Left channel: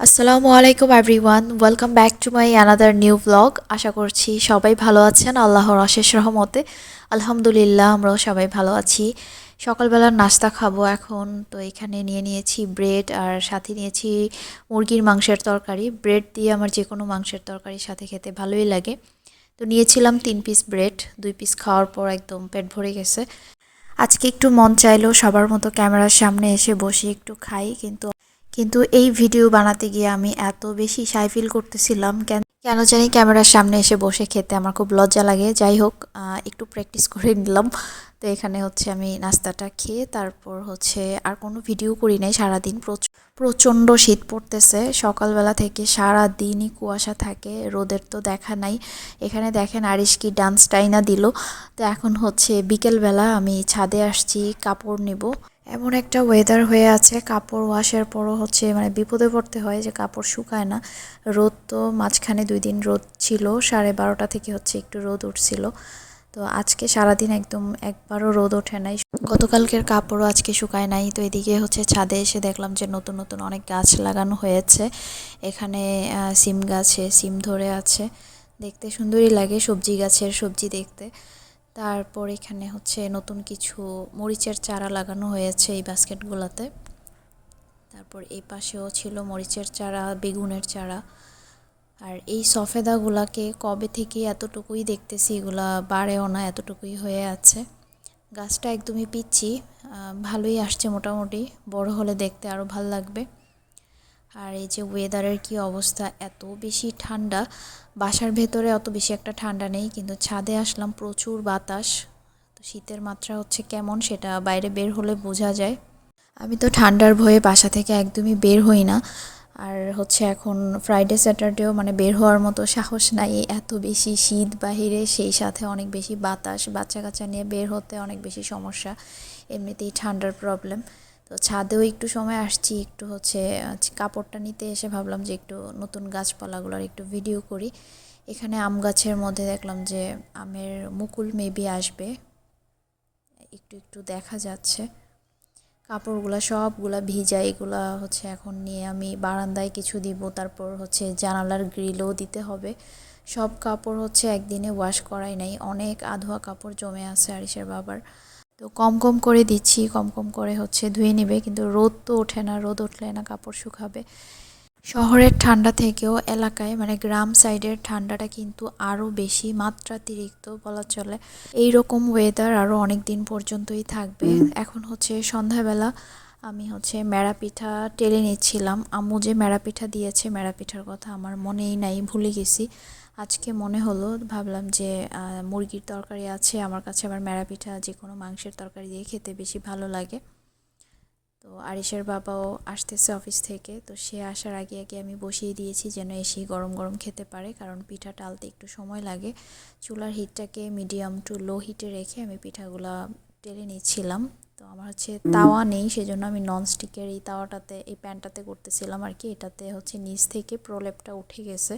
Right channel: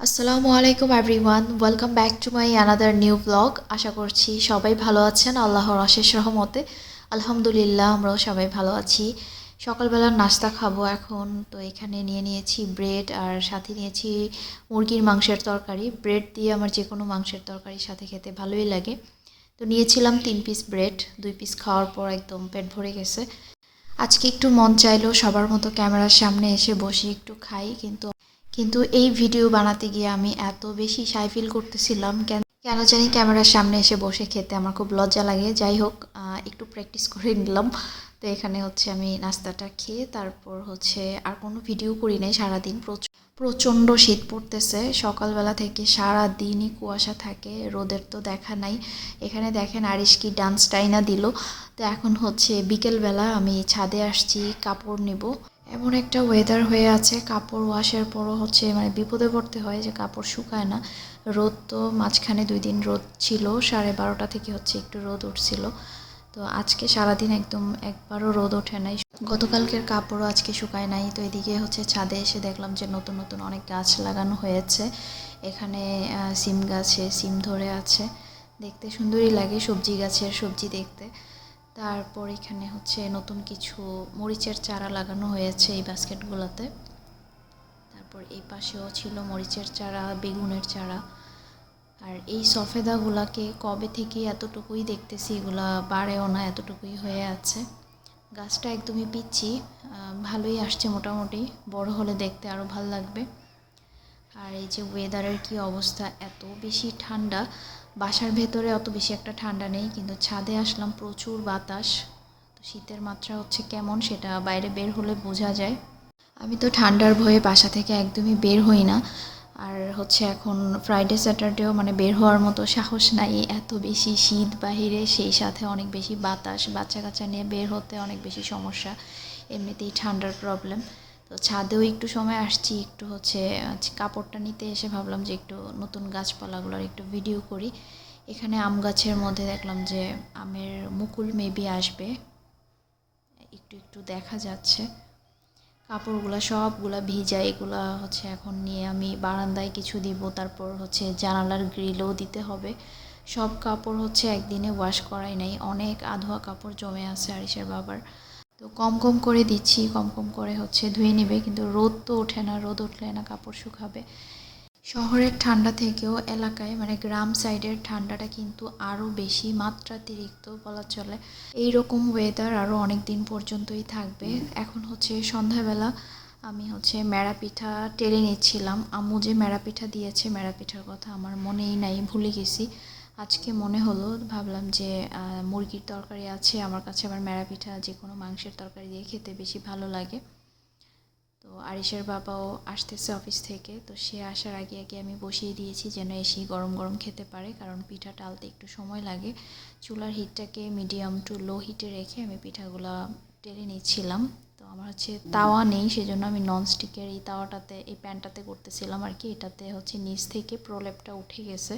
আসসালামু আলাইকুম everyone welcome back to my another new blog আশা করছি সবাই ভালো আছেন, আল্লাহর অশেষ রহমতে। আলহামদুলিল্লাহ, আমরাও সবাই ভালো আছি। সকালবেলার নাস্তা খাব এখন। তো এখানে নিয়ে নিয়েছি ব্রেড আর সাথে নিয়েছি মুরগির মাংসের তরকারি। ব্রেড দিয়ে আমার যে কোনো মাংসের তরকারির সাথে খেতে ভালোই লাগে। তো নিয়েছিলাম তিন পিস ব্রেড দুই পিস খাওয়ার পর একদম পেট ভরে গেছে। আজকে একটু মন চাইলো সবার মতো ক্যামেরার সামনে এসে বসে একটু খাই, কিন্তু কিন্তু এই ভিডিও বানাতে গিয়ে আমি এত বেশি সাই ফিল করতেছিলাম। কেন কেন জানি ক্যামেরার সামনে এসে বসে খেতে আমার খুব লজ্জা লাগে। যাই হোক একটু প্র্যাকটিস করে নিলাম। তো এখানে হচ্ছে আমি নাস্তাটা খেয়ে তারপর হচ্ছে আর কোনো ভিডিও করি নাই। সারাদিন প্রচ- প্রচণ্ড শীত পড়তেছে। সকালবেলা থেকে সারা দিনই কুয়াশা থাকে। রোদের তো দেখা নাই। এখানে দেখেন আরিশ কি ডান্স টাইনা দিল। তো এখন হচ্ছে বিকেলবেলা আমি ছাদে আসছি, কাপড় নিব। এমন একটা ওয়েদার হয়ে আছে, কাপড় ওয়াশের পরও হচ্ছে মানে বিপদে পড়তে হয় যে কাপড় শুকায় না। রোদ তো মাঝখানে দুই দিন রোদ ছিল, সাড়ে বারোটা থেকে হচ্ছে একটু রোদ উঠছিল। তো আজকে সারাদিন একদম একবারও রোদ ওঠে নাই। গতকালকের কাপড়ও আজকে শুকায় নাই। তো এদিকে হচ্ছে ছাদে এসে দেখলাম যে নতুন নতুন অনেক গাছ লাগানো হয়েছে। এখানে সিম গাছে, সিম ধরে আছে। দেখতে সুন্দরই লাগে সবজি গাছের সবজি দেখতে। তারপর এখানে হচ্ছে নতুন কিছু মরিচের চারা লাগানো হয়েছে এই বাস্কেটগুলোতে। তারপর এই পাশেও ছিল মরিচের চারা, বেগুনের চারা। আর এই সফেদাগুলাকে কবে থেকে এতটুকুই দেখতেছি এগুলা বাড়েও না, এতটুকুই হয়ে আছে। গাছটা একদমই পিচ্ছি ভালোই আসছে মোটামুটি, বড় হলে দেখতে আরও ভালো লাগবে। আর এই যে ওয়েদারের কি অবস্থা, এত বেশি ঠান্ডা বাসার ভেতরে অত বেশি একটা ঠান্ডা নেই, কিন্তু ছাদে আসলাম প্রচুর বাতাস। তো শীতের মাত্রা হচ্ছে কেমন সেটা বাইরে বের হলে বোঝা যায়। আমি তো ঠান্ডার ভয়ে বাসা থেকে একদমই বের হই না। আর হচ্ছে এখন ফ্রাইডে স্যাটারডেও মানে বের হওয়ার মতো সাহস নাই, এত বেশি শীত বাহিরে, সেই সাথে অনেক বেশি বাতাস বাচ্চা কাচ্চা নিয়ে বের হতে অনেক বেশি সমস্যা, এমনিতেই ঠান্ডার প্রবলেম তো ছাদেও একটু সময় আসছি, একটু হচ্ছে আজ কাপড়টা নিতে এসে ভাবলাম যে একটু নতুন গাছপালাগুলোর একটু ভিডিও করি। এখানে আম গাছের মধ্যে দেখলাম যে আমের মুকুল মেবি আসবে। একটু একটু দেখা যাচ্ছে। কাপড়গুলো সবগুলা ভিজা, এগুলা হচ্ছে এখন নিয়ে আমি বারান্দায় কিছু দিব, তারপর হচ্ছে জানালার গ্রিলও দিতে হবে। সব কাপড় হচ্ছে একদিনে ওয়াশ করাই নাই, অনেক আধোয়া কাপড় জমে আছে আরিসের বাবার। তো কম কম করে দিচ্ছি, কম কম করে হচ্ছে ধুয়ে নেবে, কিন্তু রোদ তো ওঠে না, রোদ উঠলে না কাপড় শুকাবে। শহরের ঠান্ডা থেকেও এলাকায় মানে গ্রাম সাইডের ঠান্ডাটা কিন্তু আরও বেশি মাত্রাতিরিক্ত বলা চলে। এই রকম ওয়েদার আরও অনেক দিন পর্যন্তই থাকবে। এখন হচ্ছে সন্ধ্যাবেলা আমি হচ্ছে মেড়া পিঠা টেলে নিচ্ছিলাম। আম্মু যে মেড়া পিঠা দিয়েছে মেড়া পিঠার কথা আমার মনেই নাই, ভুলে গেছি। আজকে মনে হলো, ভাবলাম যে মুরগির তরকারি আছে, আমার কাছে আবার মেড়া পিঠা, যে কোনো মাংসের তরকারি দিয়ে খেতে বেশি ভালো লাগে। তো আরিশের বাবাও আসতেছে অফিস থেকে, তো সে আসার আগে আগে আমি বসিয়ে দিয়েছি যেন এসেই গরম গরম খেতে পারে, কারণ পিঠা টালতে একটু সময় লাগে। চুলার হিটটাকে মিডিয়াম টু লো হিটে রেখে আমি পিঠাগুলা টেলে নিচ্ছিলাম। তো আমার হচ্ছে তাওয়া নেই, সেজন্য আমি ননস্টিকের এই তাওয়াটাতে, এই প্যানটাতে করতেছিলাম আর কি। এটাতে হচ্ছে নিচ থেকে প্রলেপটা উঠে গেছে।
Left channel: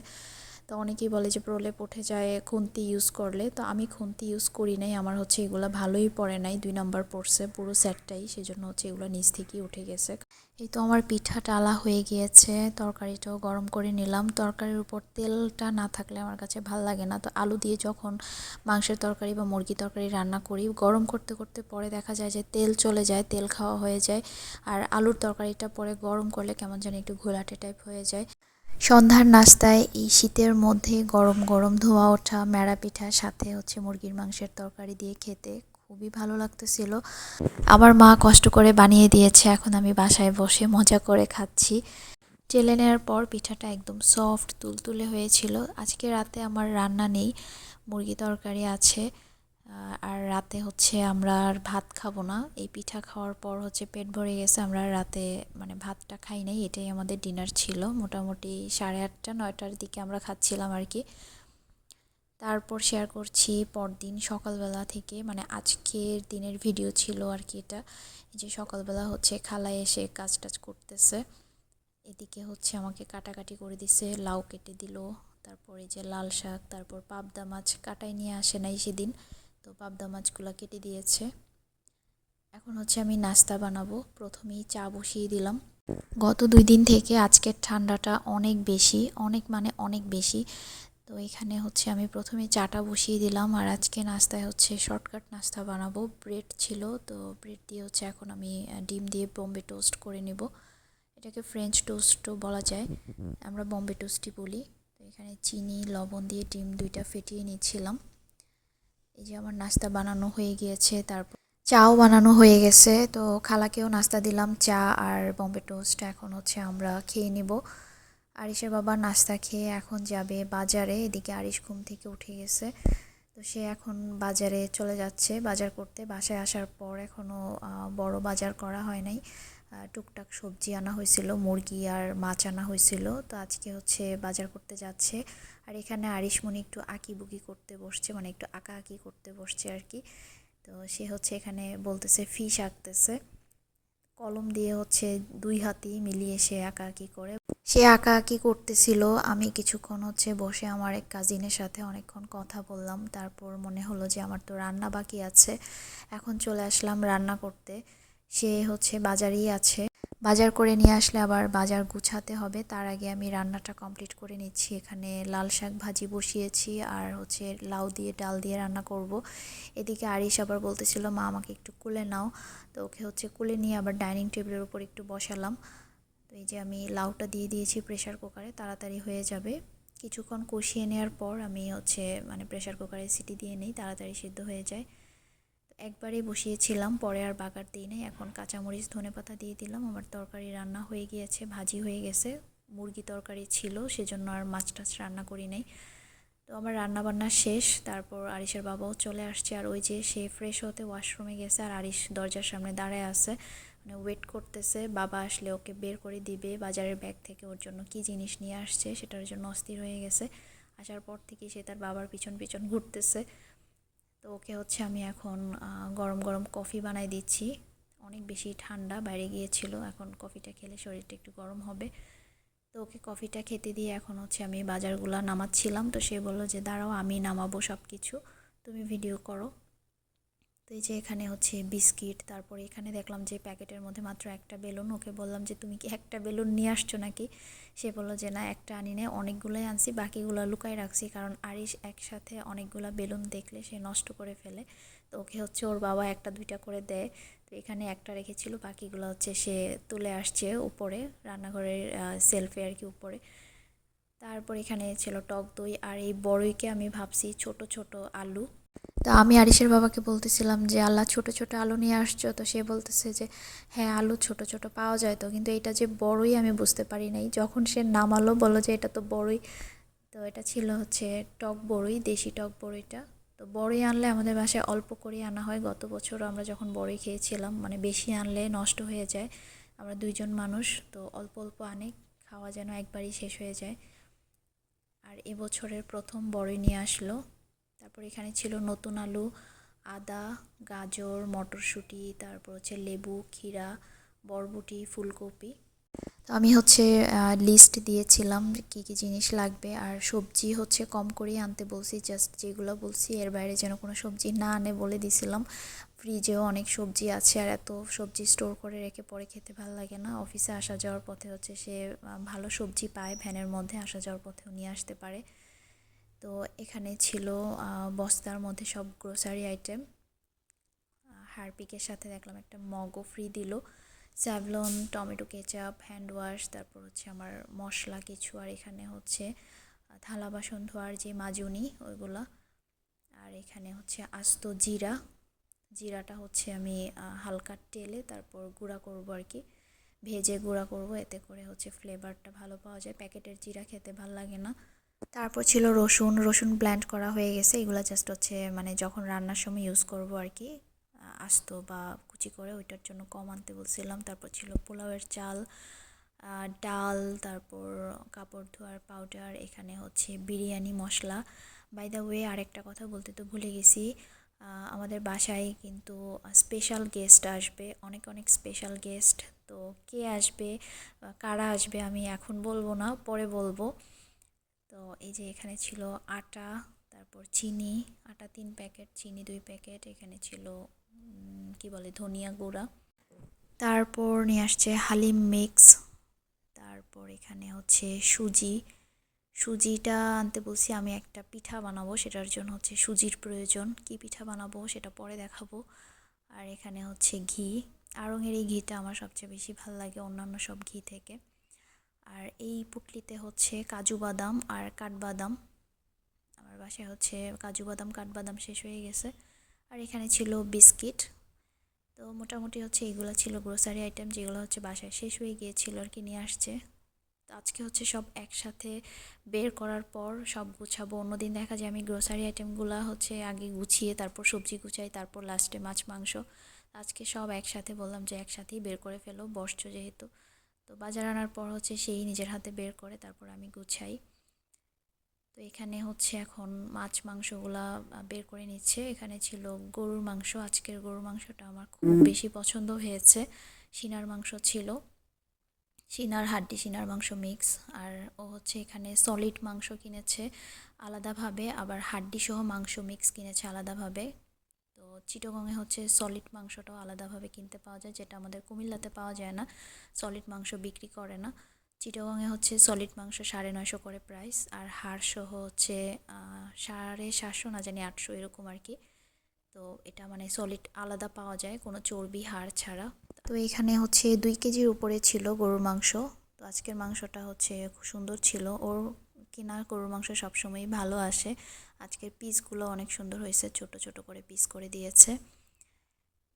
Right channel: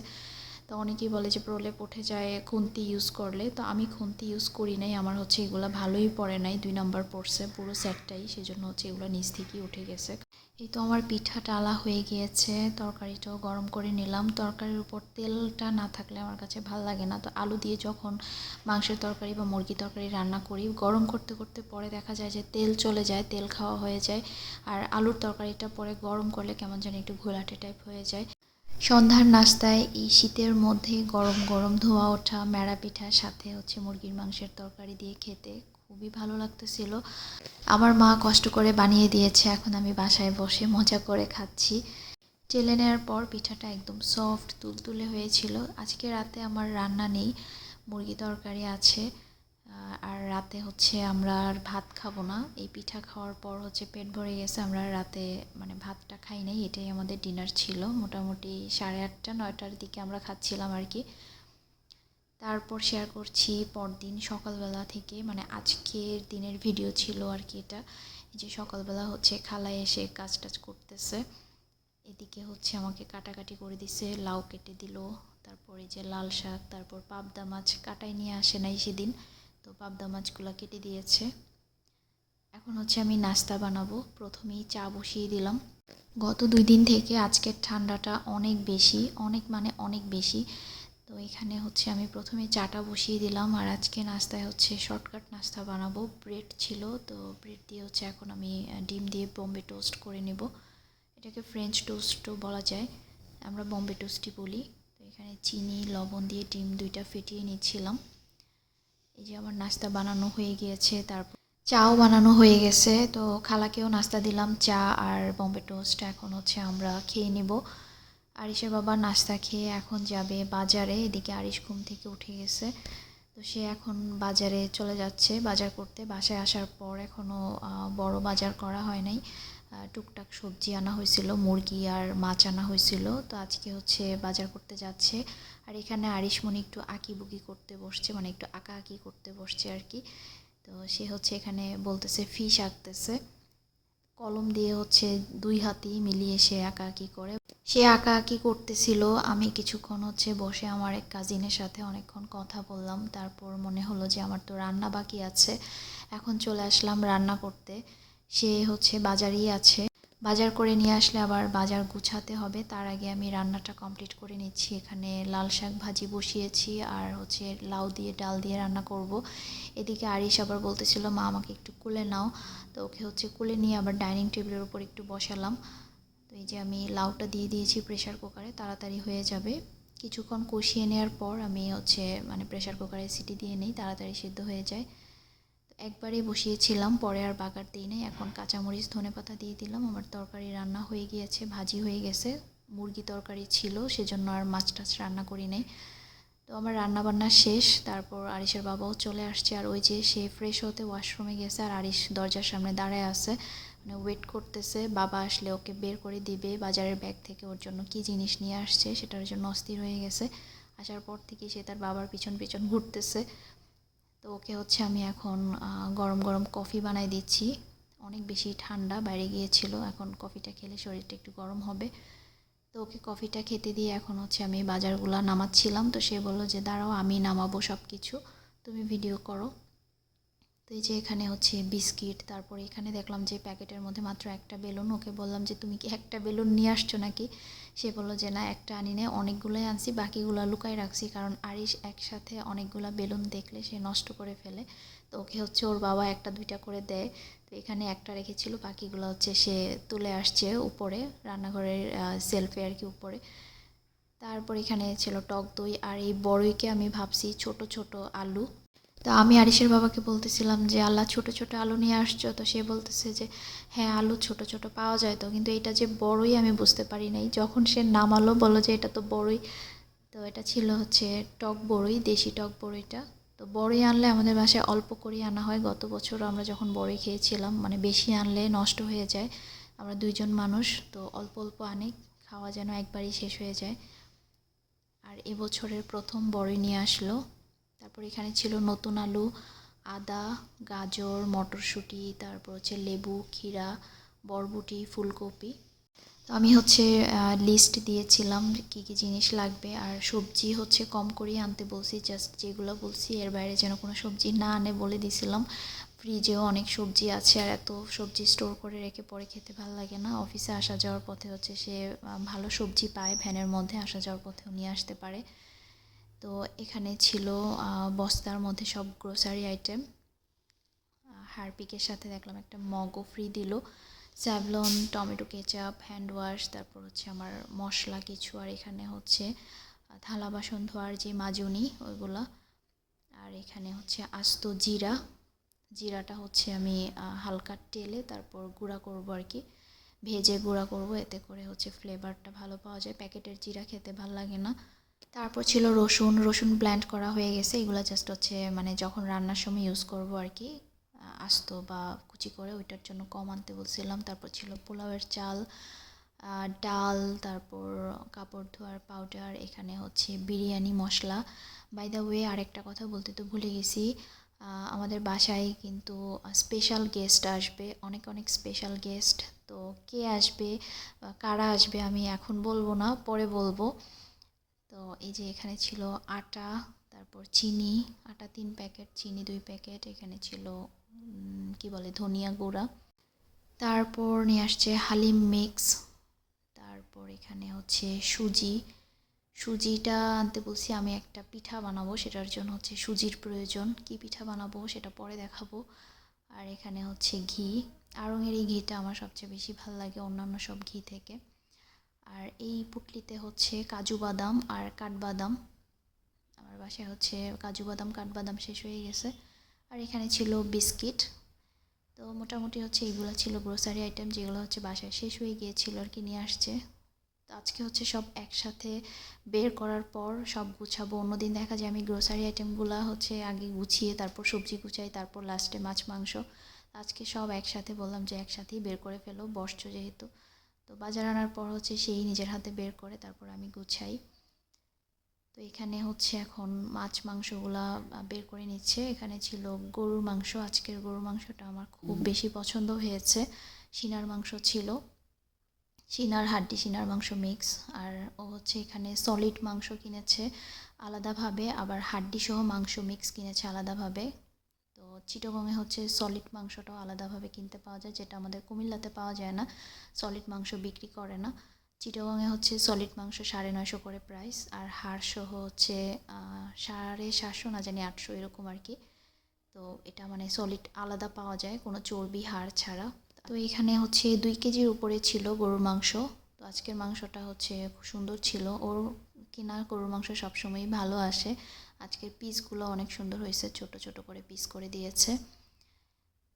তো অনেকেই বলে যে প্রলেপ উঠে যায়, খুন্তি ইউজ করলে। তো আমি খুন্তি ইউজ করি নাই, আমার হচ্ছে এগুলো ভালোই পড়ে নাই, দুই নাম্বার পড়ছে, পুরো সেটটাই সেই জন্য হচ্ছে এগুলো নিচ থেকেই উঠে গেছে। এই তো আমার পিঠা টালা হয়ে গিয়েছে, তরকারিটাও গরম করে নিলাম। তরকারির উপর তেলটা না থাকলে আমার কাছে ভালো লাগে না। তো আলু দিয়ে যখন মাংসের তরকারি বা মুরগি তরকারি রান্না করি, গরম করতে করতে পরে দেখা যায় যে তেল চলে যায়, তেল খাওয়া হয়ে যায়। আর আলুর তরকারিটা পরে গরম করলে কেমন যেন একটু ঘোলাটে টাইপ হয়ে যায়। সন্ধ্যার নাস্তায় এই শীতের মধ্যে গরম গরম ধোয়া, ওঠা, মেড়া পিঠার সাথে হচ্ছে মুরগির মাংসের তরকারি দিয়ে খেতে খুবই ভালো লাগতেছিল। আমার মা কষ্ট করে বানিয়ে দিয়েছে, এখন আমি বাসায় বসে মজা করে খাচ্ছি। চেলে নেওয়ার পর পিঠাটা একদম সফট তুলতুলে হয়েছিল। আজকে রাতে আমার রান্না নেই, মুরগি তরকারি আছে। আর রাতে হচ্ছে আমরা আর ভাত খাব না। এই পিঠা খাওয়ার পর হচ্ছে পেট ভরে গেছে, আমরা রাতে মানে ভাতটা খাই নাই, এটাই আমাদের ডিনার ছিল। মোটামুটি সাড়ে আটটা, নয়টার দিকে আমরা খাচ্ছিলাম আর কি। তারপর শেয়ার করছি পরদিন সকালবেলা থেকে মানে আজকের দিনের ভিডিও ছিল আর কি এটা। যে সকালবেলা হচ্ছে খালায় এসে কাজ টাজ করতেছে। এদিকে হচ্ছে আমাকে কাটাকাটি করে দিছে, লাউ কেটে দিল। তারপরে যে লাল শাক, তারপর পাবদা মাছ কাটাই নিয়ে আসে নাই সেদিন। তো পাবদা মাছগুলো কেটে দিয়েছে। এখন হচ্ছে আমি নাস্তা বানাবো। প্রথমেই চা বসিয়ে দিলাম। গত দুই দিন থেকে আজকের ঠান্ডাটা অনেক বেশি, অনেক মানে অনেক বেশি। তো এখানে হচ্ছে আমি প্রথমে চাটা বসিয়ে দিলাম আর আজকে নাস্তায় হচ্ছে শর্টকাট নাস্তা বানাবো। ব্রেড ছিল, তো ব্রেড দিয়ে হচ্ছে এখন আমি ডিম দিয়ে বম্বে টোস্ট করে নেব। এটাকে ফ্রেঞ্চ টোস্টও বলা যায়। আমরা বম্বে টোস্টই বলি। তো এখানে চিনি, লবণ দিয়ে ডিম দুইটা ফেটিয়ে নিচ্ছিলাম। এই যে আমার নাস্তা বানানো হয়ে গিয়েছে, তারপর চাও বানানো হয়ে গেছে। তো খালাকেও নাস্তা দিলাম, চা আর বম্বে টোস্ট। এখন হচ্ছে আমরা খেয়ে নেব। আরিশের বাবা নাস্তা খেয়ে এখন যাবে বাজারে। এদিকে আরিশ ঘুম থেকে উঠে গেছে। তো সে এখন বাজারে চলে যাচ্ছে, বাজার করতে। বাসায় আসার পর এখনও বড় বাজার করা হয় নাই। টুকটাক সবজি আনা হয়েছিল, মুরগি আর মাছ আনা হয়েছিল। তো আজকে হচ্ছে বাজার করতে যাচ্ছে। আর এখানে আরিশমণি একটু আঁকিবুকি করতে বসছে মানে একটু আঁকা আঁকি করতে বসছে আর কি। তো সে হচ্ছে এখানে বলতেছে ফিশ আঁকতেছে। কলম দিয়ে হচ্ছে দুই হাতি মিলিয়ে সে আঁকাআঁকি করে। সে আঁকাআঁকি করতেছিল। আমি কিছুক্ষণ হচ্ছে বসে আমার এক কাজিনের সাথে অনেকক্ষণ কথা বললাম। তারপর মনে হলো যে আমার তো রান্না বাকি আছে। এখন চলে আসলাম রান্না করতে। সে হচ্ছে বাজারেই আছে। বাজার করে নিয়ে আসলে আবার বাজার গুছাতে হবে। তার আগে আমি রান্নাটা কমপ্লিট করে নিচ্ছি। এখানে লাল শাক ভাজি বসিয়েছি আর হচ্ছে লাউ দিয়ে ডাল দিয়ে রান্না করব। এদিকে আরিশ আবার বলতেছিল, মা, আমাকে একটু কুলে নাও। তো ওকে হচ্ছে কুলে নিয়ে আবার ডাইনিং টেবিলের উপর একটু বসালাম। তো এই যে আমি লাউটা দিয়ে দিয়েছি প্রেশার কুকারে তাড়াতাড়ি হয়ে যাবে। কিছুক্ষণ কষিয়ে নেওয়ার পর আমি হচ্ছে মানে প্রেশার কুকারে সিটি দিয়ে নিই, তাড়াতাড়ি সিদ্ধ হয়ে যায়। একবারেই বসিয়েছিলাম, পরে আর বাগার দিই নাই। এখন কাঁচামরিচ ধনে পাতা দিয়ে দিলাম। আমার তরকারি রান্না হয়ে গিয়েছে, ভাজি হয়ে গেছে। মুরগি তরকারি ছিল, সেজন্য আর মাছ টাছ রান্না করি নাই। তো আমার রান্না বান্না শেষ, তারপর আরিশের বাবাও চলে আসছে। আর ওই যে সে ফ্রেশ হতে ওয়াশরুমে গেছে, আর আরিশ দরজার সামনে দাঁড়ায় আছে। মানে ওয়েট করতেছে, বাবা আসলে ওকে বের করে দিবে, বাজারের ব্যাগ থেকে ওর জন্য কি জিনিস নিয়ে আসছে, সেটার জন্য অস্থির হয়ে গেছে। আসার পর থেকে সে তার বাবার পিছন পিছন ঘুরতেছে। তো ওকে হচ্ছে আমি এখন গরম গরম কফি বানাই দিচ্ছি। অনেক বেশি ঠান্ডা, বাইরে গিয়েছিল। এখন কফিটা খেলে শরীরটা একটু গরম হবে। তো ওকে কফিটা খেতে দিয়ে এখন হচ্ছে আমি বাজারগুলো নামাচ্ছিলাম। তো সে বলল যে, দাঁড়াও, আমি নামাবো সব কিছু তুমি ভিডিও করো। তো এই যে এখানে হচ্ছে বিস্কিট, তারপরে এখানে দেখলাম যে প্যাকেটের মধ্যে মাত্র একটা বেলুন। ওকে বললাম যে, তুমি কি একটা বেলুন নিয়ে আসছো নাকি? সে বলল যে, না, একটা আনি নেই, অনেকগুলোই আনছি, বাকিগুলো লুকাই রাখছি, কারণ আরিশ একসাথে অনেকগুলো বেলুন দেখলে সে নষ্ট করে ফেলে। তো ওকে হচ্ছে ওর বাবা একটা, দুইটা করে দেয়। তো এখানে একটা রেখেছিল, বাকিগুলো হচ্ছে সে তুলে আসছে উপরে, রান্নাঘরের সেলফে আর কি উপরে। তারপর এখানে ছিল টক দই আর এই বড়ইকে আমি ভাবছি ছোট ছোট আলু। তা আমি আরিশের বাবাকে বলতেছিলাম যে, আল্লাহ ছোট ছোট আলু নিয়ে আসছো। তো সে বলতেছে যে হ্যাঁ আলু ছোট ছোট পাওয়া যায় তো। কিন্তু এটা যে বড়ই আমি বুঝতে পারি নাই। যখন সে নামালো বলো যে, এটা তো বড়ই। তো এটা ছিল হচ্ছে টক বড়ই, দেশি টক বড়ইটা। তো বড়ই আনলে আমাদের বাসায় অল্প করেই আনা হয়। গত বছর আমরা যখন বড়ই খেয়েছিলাম মানে বেশি আনলে নষ্ট হয়ে যায়। আমরা দুইজন মানুষ, তো অল্প অল্প আনে। খাওয়া যেন একবারই শেষ হয়ে যায়। আর এবছরের প্রথম বড়ই নিয়ে আসলো। তারপর এখানে ছিল নতুন আলু, আদা, গাজর, মটরশুঁটি, তারপর হচ্ছে লেবু, ক্ষীরা, বরবটি, ফুলকপি। তো আমি হচ্ছে লিস্ট দিয়েছিলাম কী কী জিনিস লাগবে। আর সবজি হচ্ছে কম করেই আনতে বলছি জাস্ট যেগুলো বলছি, এর বাইরে যেন কোনো সবজি না আনে বলে দিছিলাম। ফ্রিজেও অনেক সবজি আছে, আর এত সবজি স্টোর করে রেখে পরে খেতে ভালো লাগে না। অফিসে আসা যাওয়ার পথে হচ্ছে সে ভালো সবজি পায়, ভ্যানের মধ্যে আসা যাওয়ার পথেও নিয়ে আসতে পারে। তো এখানে ছিল বস্তার মধ্যে সব গ্রোসারি আইটেম হারপিকের সাথে দেখলাম একটা মগও ফ্রি দিল। Savlon tomato ketchup hand wash তারপর হচ্ছে আমার মশলা কিছু, আর এখানে হচ্ছে থালা বাসন ধোয়ার যে মাজুনি, ওইগুলা। আর এখানে হচ্ছে আস্ত জিরা। জিরাটা হচ্ছে আমি হালকা টেলে তারপর গুঁড়া করব আর কি। ভেজে গুঁড়া করব, এতে করে হচ্ছে ফ্লেভারটা ভালো পাওয়া যায়। প্যাকেটের জিরা খেতে ভালো লাগে না। তারপর ছিল রসুন রসুন ব্ল্যান্ড করা হয়ে গেছে। এগুলো জাস্ট হচ্ছে মানে যখন রান্নার সময় ইউজ করব আর কি আস্ত বা কুচি করে ওইটার জন্য কম আনতে বলছিলাম। তারপর ছিল পোলাওয়ের চাল ডাল, তারপর কাপড় ধোয়ার পাউডার এখানে হচ্ছে biryani masala. By the way আরেকটা কথা বলতে তো ভুলে গেছি আমাদের বাসায় কিন্তু স্পেশাল গেস্ট আসবে, অনেক অনেক স্পেশাল গেস্ট তো কে আসবে কারা আসবে আমি এখন বলব না, পরে বলব। তো এই যে এখানে ছিল আটা, তারপর চিনি, আটা তিন প্যাকেট, চিনি দুই প্যাকেট, এখানে ছিল কি বলে, ধনিয়া গুঁড়া। তারপর নিয়ে আসছে হালিম মিক্স, তারপর এখানে হচ্ছে সুজি। সুজিটা আনতে বলছি আমি একটা পিঠা বানাবো, সেটার জন্য হচ্ছে সুজির প্রয়োজন। কি পিঠা বানাবো সেটা পরে দেখাবো। আর এখানে হচ্ছে ঘি। আড়ঙের এই ঘিটা আমার সবচেয়ে বেশি ভালো লাগে অন্যান্য সব ঘি থেকে। আর এই পুটলিতে হচ্ছে কাজু বাদাম আর কাঠবাদাম। আমার বাসায় হচ্ছে কাজু বাদাম, কাঠবাদাম শেষ হয়ে গেছে। আর এখানে ছিল বিস্কিট। তো মোটামুটি হচ্ছে এগুলো ছিল গ্রোসারি আইটেম যেগুলো হচ্ছে বাসায় শেষ হয়ে গিয়েছিল আর কি, নিয়ে আসছে। তো আজকে হচ্ছে সব একসাথে বের করার পর সব গুছাবো। অন্যদিন দেখা যায় আমি গ্রোসারি আইটেমগুলো হচ্ছে আগে গুছিয়ে, তারপর সবজি গুছাই, তারপর লাস্টে মাছ, মাংস। আজকে সব একসাথে বললাম যে একসাথেই বের করে ফেলো, বসছো যেহেতু। তো বাজার আনার পর হচ্ছে সেই নিজের হাতে বের করে তারপর আমি গুছাই। তো এখানে হচ্ছে এখন মাছ মাংসগুলা বের করে নিচ্ছে। এখানে ছিল গরুর মাংস। আজকের গরুর মাংসটা আমার খুব বেশি পছন্দ হয়েছে। সিনার মাংস ছিল। সিনার হাড্ডি, সিনার মাংস মিক্স। আর ও হচ্ছে এখানে সলিড মাংস কিনেছে আলাদাভাবে। আবার হাড্ডি সহ মাংস মিক্স কিনেছে আলাদাভাবে। চিটগংয়ে হচ্ছে সলিড মাংসটাও আলাদাভাবে কিনতে পাওয়া যায়, যেটা আমাদের কুমিল্লাতে পাওয়া যায় না। সলিড মাংস বিক্রি করে না। চিটাগংয়ে হচ্ছে সলিড মাংস সাড়ে নয়শো করে প্রাইস আর হাড় সহ হচ্ছে সাড়ে সাতশো না জানি আটশো এরকম আর কি। তো এটা মানে সলিড আলাদা পাওয়া যায়, কোনো চর্বি হাড় ছাড়া। তো এখানে হচ্ছে দুই কেজির উপরে ছিল গরুর মাংস। তো আজকের মাংসটা হচ্ছে খুব সুন্দর ছিল। ওর কেনা, গরুর মাংস সবসময়ই ভালো আসে। আজকের পিসগুলো অনেক সুন্দর হয়েছে, ছোট ছোট করে পিস করে দিয়েছে।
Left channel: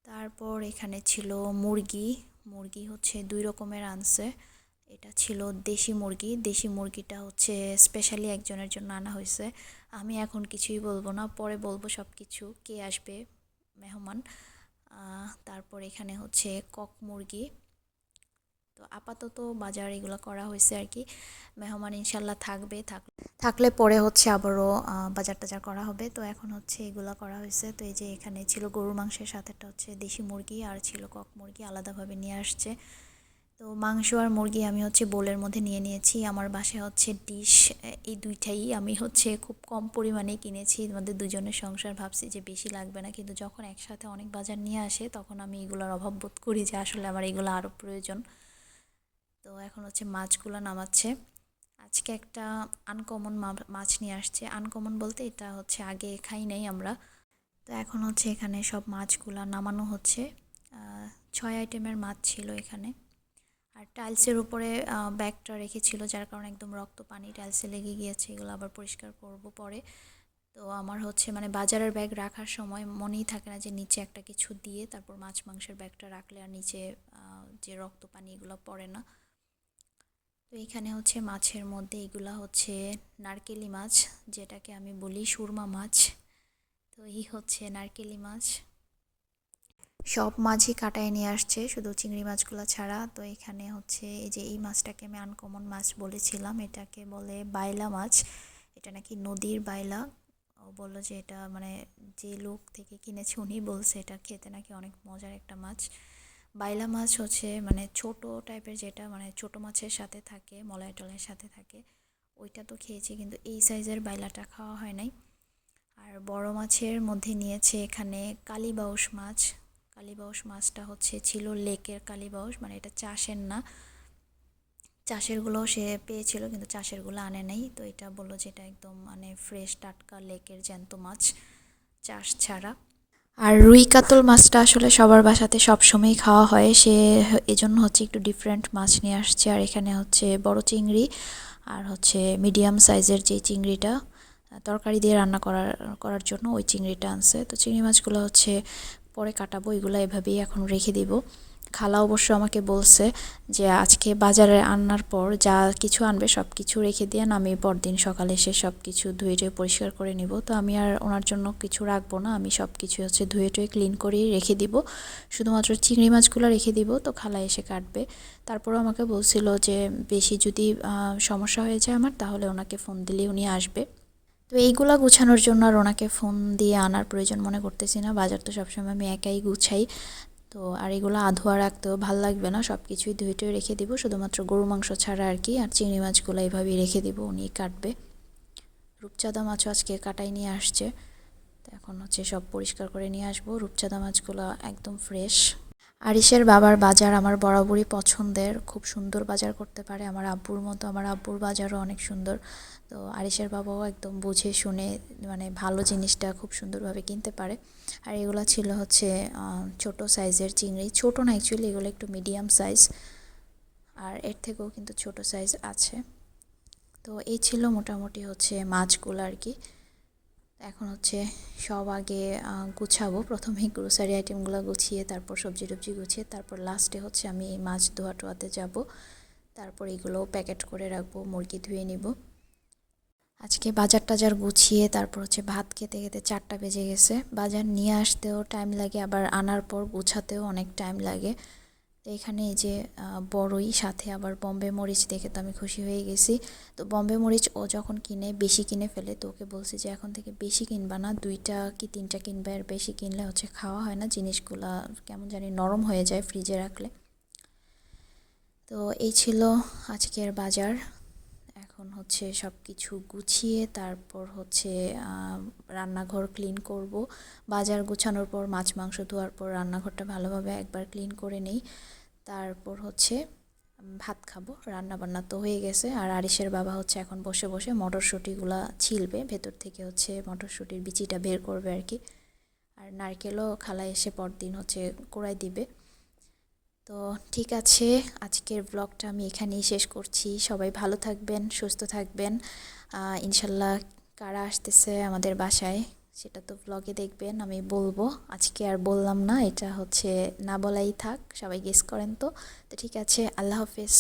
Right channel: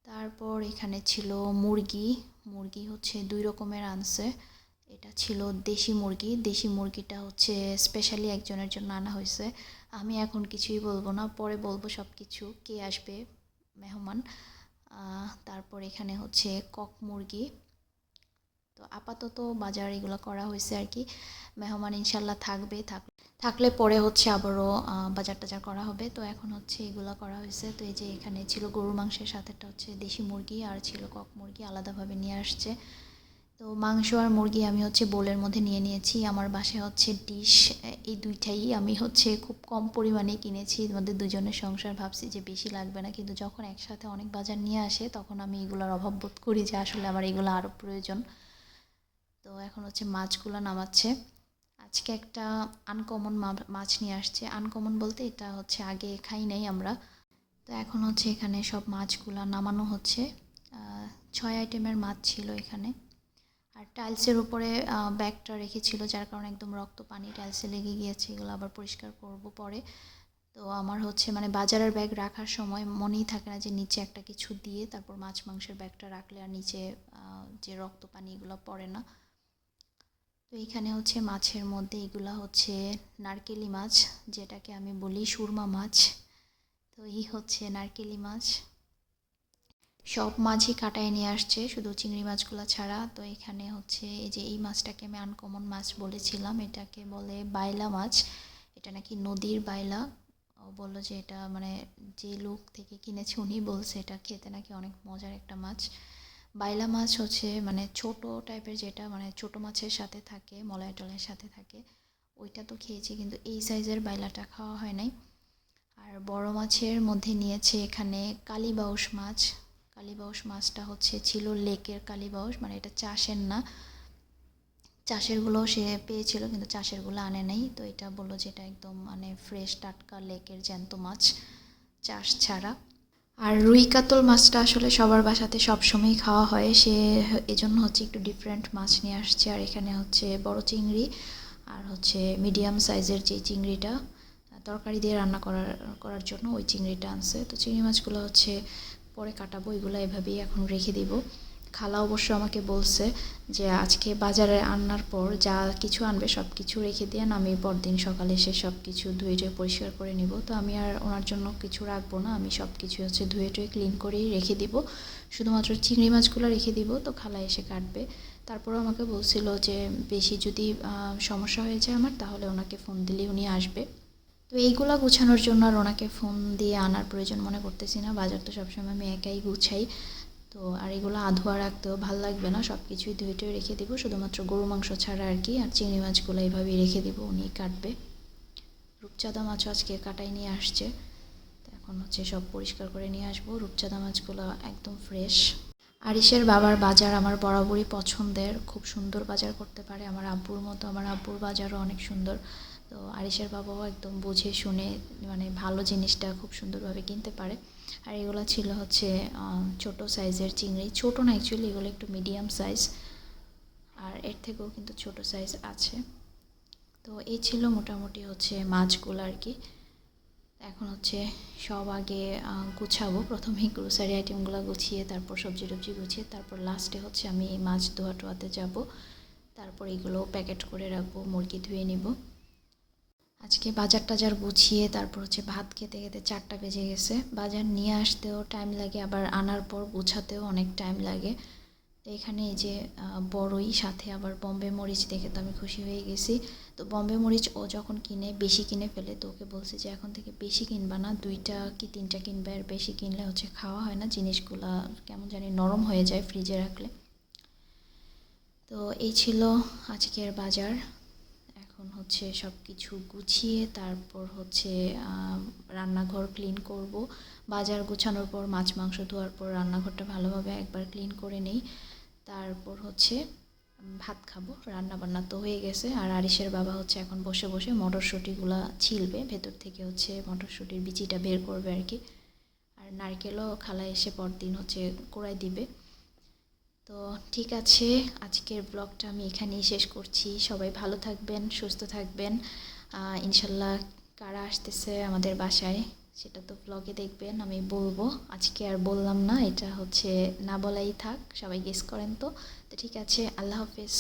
তারপর এখানে ছিল মুরগি। মুরগি হচ্ছে দুই রকমের আনছে। এটা ছিল দেশি মুরগি। দেশি মুরগিটা হচ্ছে স্পেশালি একজনের জন্য আনা হয়েছে। আমি এখন কিছুই বলব না, পরে বলব সব কিছু কে আসবে, মেহমান। তারপর এখানে হচ্ছে কক মুরগি। তো আপাতত বাজার এগুলো করা হয়েছে আর কি। মেহমান ইনশাল্লাহ থাকবে, থাক থাকলে পরে হচ্ছে আবারও বাজার টাজার করা হবে। তো এখন হচ্ছে এগুলো করা হয়েছে। তো এই যে এখানে ছিল গরু মাংসের সাথেটা হচ্ছে দেশি মুরগি আর ছিল কক মুরগি আলাদাভাবে নিয়ে আসছে। তো মাংস আর মুরগি আমি হচ্ছে বোলের মধ্যে নিয়ে নিয়েছি। আমার বাসায় হচ্ছে ডিশ এই দুইটাই আমি হচ্ছে খুব কম পরিমাণে কিনেছি। আমাদের দুজনের সংসার ভাবছি যে বেশি লাগবে না। কিন্তু যখন একসাথে অনেক বাজার নিয়ে আসে, তখন আমি এগুলোর অভাব বোধ করি যে আসলে আমার এগুলো আরও প্রয়োজন। তো এখন হচ্ছে মাছগুলো নামাচ্ছে। আজকে একটা আনকমন মাছ নিয়ে আসছে। আনকমন বলতে এটা হচ্ছে আগে খাই নাই আমরা। তো এখন হচ্ছে এখানে সব মাছগুলো নামানো হচ্ছে। ছয় আইটেমের মাছ ছিল এখানে। আর টাইলসের উপরে ব্যাগটা রেখেছিল, যার কারণে একদম রক্ত পানি টাইলসে লেগে গিয়েছে। এগুলো আবার পরিষ্কার করব পরে। তো আমার হচ্ছে মানে বাজারের ব্যাগ রাখার সময় মনেই থাকে না যে নিচে একটা কিছু দিয়ে তারপর মাছ মাংসের ব্যাগটা রাখলে আর নিচে যে রক্ত পানি এগুলো পড়ে না। তো এখানে হচ্ছে মাছের মধ্যে এগুলা হচ্ছে নারকেলি মাছ, যেটাকে আমি বলি সুরমা মাছ। তো এই হচ্ছে নারকেলি মাছ। সব মাছই কাটায় নিয়ে আসছে, শুধু চিংড়ি মাছগুলো ছাড়া। তো এখানে হচ্ছে এই যে এই মাছটাকে আমি আনকমন মাছ বলেছিলাম, এটাকে বলে বাইলা মাছ। এটা নাকি নদীর বাইলা। ও বলল যে এটা মানে যে লোক থেকে কিনেছে উনি বলছে এটা খেতে নাকি অনেক মজার একটা মাছ। বাইলা মাছ হচ্ছে মানে ছোট টাইপের যেটা মানে ছোট মাছের সাথে থাকে মলয় টলের সাথে থাকে, ওইটা তো খেয়েছি কিন্তু এই সাইজের বাইলাটা খাওয়া হয় নাই। আর বড় মাছের মধ্যে নিয়েছে এখানে কালীবাউস মাছ। কালীবাউস মাছটা হচ্ছে ছিল লেকের কালীবাউস মানে এটা চাষের না। চাষেরগুলো সে পেয়েছিল কিন্তু চাষেরগুলো আনে নাই। তো এটা বলল যে এটা একদম মানে ফ্রেশ টাটকা লেকের জ্যান্ত মাছ, চাষ ছাড়া। আর রুই কাতল মাছটা আসলে সবার বাসাতে সবসময়ই খাওয়া হয়। সে এজন্য হচ্ছে একটু ডিফারেন্ট মাছ নিয়ে আসছে। আর এখানে হচ্ছে বড় চিংড়ি আর হচ্ছে মিডিয়াম সাইজের যে চিংড়িটা, তরকারি দিয়ে রান্না করার করার জন্য ওই চিংড়িটা আনছে। তো চিংড়ি মাছগুলো হচ্ছে পরে কাটাবো, এগুলো এভাবেই এখন রেখে দিব। খালা অবশ্য আমাকে বলছে যে আজকে বাজারে আনার পর যা কিছু আনবে সব কিছু রেখে দিয়ে আমি পরদিন সকালে এসে সব কিছু ধুয়ে টুয়ে পরিষ্কার করে নিব। তো আমি আর ওনার জন্য কিছু রাখব না, আমি সব কিছু হচ্ছে ধুয়ে টুয়ে ক্লিন করেই রেখে দিব। শুধুমাত্র চিংড়ি মাছগুলো রেখে দিব, তো খালা এসে কাটবে। তারপরও আমাকে বলছিল যে বেশি যদি সমস্যা হয়ে যায় আমার, তাহলে ওনাকে ফোন দিলেই উনি আসবে। তো এইগুলা গুছানোর জন্য আর ওনাকে ফোন দিয়ে আনার প্রয়োজন মনে করতেছি না। বাজার তো সবসময় আমি একাই গুছাই। তো আর এগুলো আধোয়া রাখতেও ভালো লাগবে না সব কিছুই ধুয়ে টুয়ে রেখে দিব, শুধুমাত্র গরু মাংস ছাড়া আর কি, আর চিংড়ি মাছগুলো এইভাবেই রেখে দিব উনি কাটবে। রূপচাঁদা মাছও আজকে কাটাই নিয়ে আসছে, তো এখন হচ্ছে সব পরিষ্কার করে নিয়ে আসব। রূপচাঁদা মাছগুলো একদম ফ্রেশ। আরিসের বাবার বাজার আমার বরাবরই পছন্দের, খুব সুন্দর বাজার করতে পারে আমার আব্বুর মতো, আমার আব্বুর বাজারও অনেক সুন্দর। তো আরিসের বাবাও একদম বুঝে শুনে মানে ভালো জিনিসটা খুব সুন্দরভাবে কিনতে পারে। আর এগুলো ছিল হচ্ছে ছোট সাইজের চিংড়ি। ছোট না অ্যাকচুয়ালি এগুলো একটু মিডিয়াম সাইজ আর এর থেকেও কিন্তু ছোট সাইজ আছে। তো এই ছিল মোটামুটি হচ্ছে মাছগুলো আর কি। এখন হচ্ছে সব আগে গুছাবো। প্রথমেই গ্রোসারি আইটেমগুলো গুছিয়ে, তারপর সবজি টবজি গুছিয়ে, তারপর লাস্টে হচ্ছে আমি মাছ ধোয়া টোয়াতে যাব। তারপর এগুলো প্যাকেট করে রাখব, মুরগি ধুয়ে নিব। আজকে বাজার টাজার গুছিয়ে তারপর হচ্ছে ভাত খেতে খেতে চারটা বেজে গেছে। বাজার নিয়ে আসতেও টাইম লাগে, আবার আনার পর গুছাতেও অনেক টাইম লাগে। তো এখানে এই যে বড়ই, সাথে আবার বম্বে মরিচ দেখে তো আমি খুশি হয়ে গেছি। তো বম্বে মরিচ ও যখন কিনে, বেশি কিনে ফেলে, তো ওকে বলছে যে এখন থেকে বেশি কিনবা না, দুইটা কি তিনটা কিনবে আর বেশি কিনলে হচ্ছে খাওয়া হয় না, জিনিসগুলা কেমন জানি নরম হয়ে যায় ফ্রিজে রাখলে। তো এই ছিল আজকের বাজার। এখন হচ্ছে সব কিছু গুছিয়ে তারপর হচ্ছে রান্নাঘর ক্লিন করব। বাজার গুছানোর পর মাছ মাংস ধোয়ার পর রান্নাঘরটা ভালোভাবে একবার ক্লিন করে নেই। তারপর হচ্ছে ভাত খাব। রান্না বান্না তো হয়ে গেছে। আর আরিসের বাবা হচ্ছে এখন বসে বসে মটরশুঁটিগুলা ছিলবে। ভেতর থেকে হচ্ছে মটরশুঁটির বিচিটা বের করবে আর কি। আর নারকেলও খালা এসে পরদিন হচ্ছে কোড়াই দিবে। তো ঠিক আছে, আজকের ব্লগটা আমি এখানেই শেষ করছি। সবাই ভালো থাকবেন, সুস্থ থাকবেন। ইনশাল্লাহ কারা আসতেছে আমাদের বাসায়, সেটা তো ব্লগে দেখবেন, আমি বলব। আজকে আর বললাম না, এটা হচ্ছে না বলাই থাক, সবাই গেস করেন তো। তো ঠিক আছে, আল্লাহ হাফিজ।